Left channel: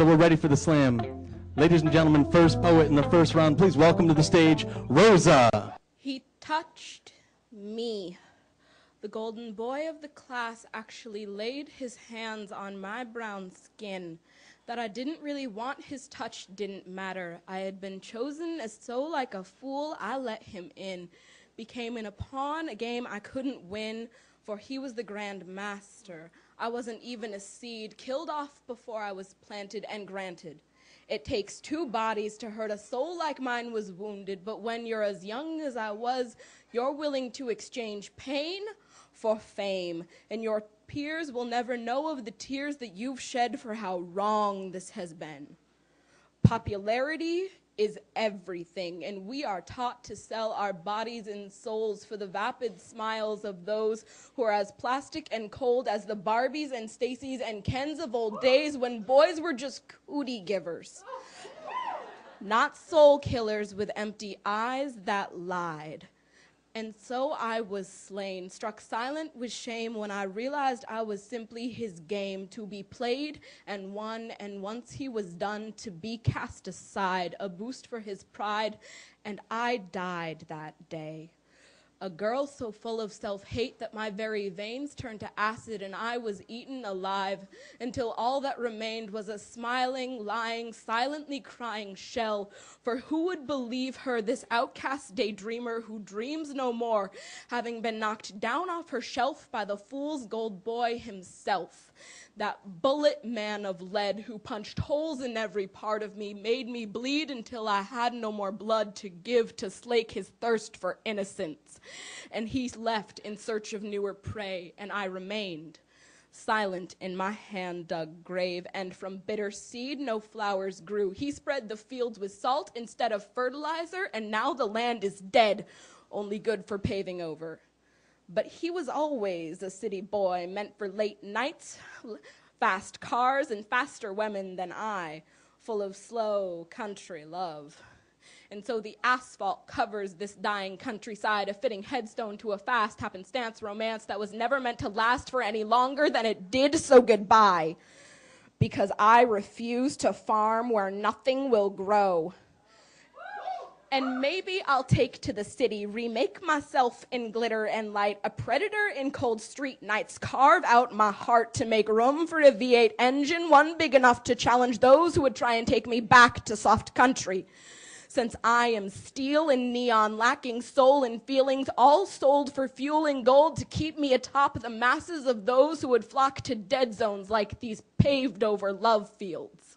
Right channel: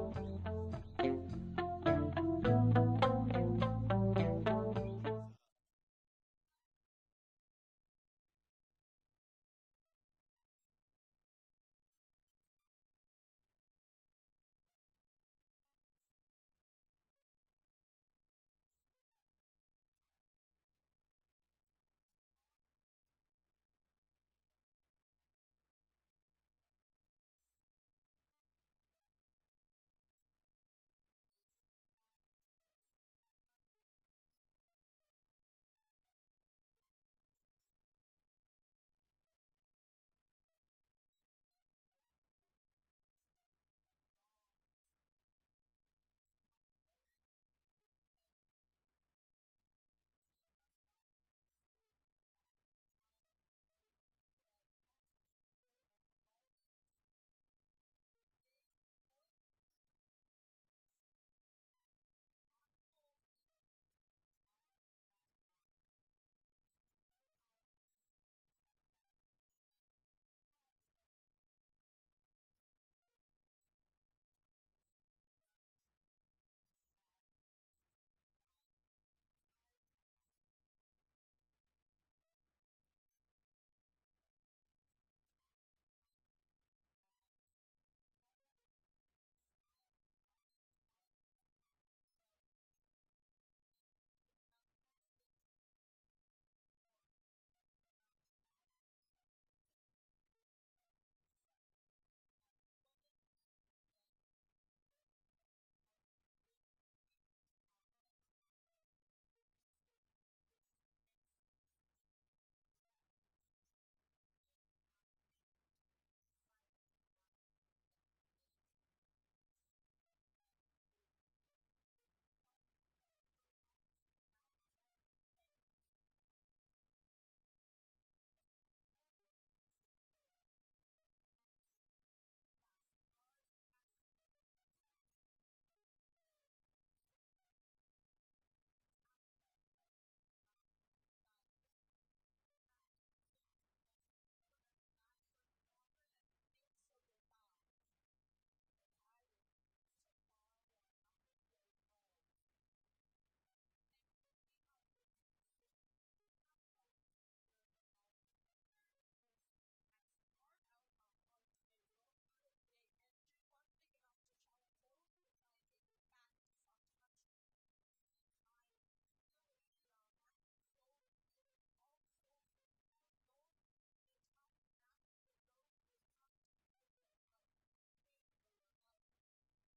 So we're ready for the slam. Ladies and gentlemen, first poet in the first round, please welcome to the stage, Rosa. He touched me. The golden boy of the class actually laid his hands on my brown skin. That I didn't really want his touch didn't matter. I had been chosen as so like a fool, I let him in. Became in a pawn, a game I couldn't win, for he was the grand master. I wasn't even a seed, killed off before I was planted, and granted. It takes two bodies to hurt a soul like mine was wounded, but when you're as young as I was, you're willing to exchange pain for fame, and your peers will never know of the tears that you've shed for how wrong this has been. Popularity is everything, and we are taught to sell our bodies and souls for the vapid smiles of those who are as plastic and cold as the Barbies and Stacys and Kens of old days when boys were just cootie givers. Not soul killers with empty eyes that lied. And so I was slain, struck silent with shame when I realized I was simply his game, to be played and won, and once he was done, to be cast aside, a boost for his pride, and I died that day. A girl so full of self-hate that my very veins turned to acid and I was eaten alive until all that remained was a smiling, lying, silently crying shell. For who would believe her, this outcast daydreamer who dreams no more, having been knocked down off her shelf by the fool's gold boy himself? That bullet man of lead who punched holes in every part of me, made me bleed until I had no more blood to give to slake his thirst for innocence. And he left in search of newer prey, and I remained silent in my hand-dug grave, and from bitter seed no flowers grew. He spread the fields with salt instead of fertilizer, and now the land is dead, only good for paving over. But he was always a city boy, meant for late nights, fast cars, and faster women than I, full of slow country love. And so the asphalt covers this dying countryside, a fitting headstone to a fast happenstance romance that was never meant to last for any longer than it did, so goodbye. Because I refuse to farm where nothing will grow. And maybe I'll take to the city, remake myself in glitter and light, a predator in cold street nights, carve out my heart to make room for a V8 engine, one big enough to challenge those who would try and take me back to soft country. Since I am steel and neon, lacking soul and feelings, all sold for fuel and gold to keep me atop the masses of those who would flock to dead zones like these paved over love fields.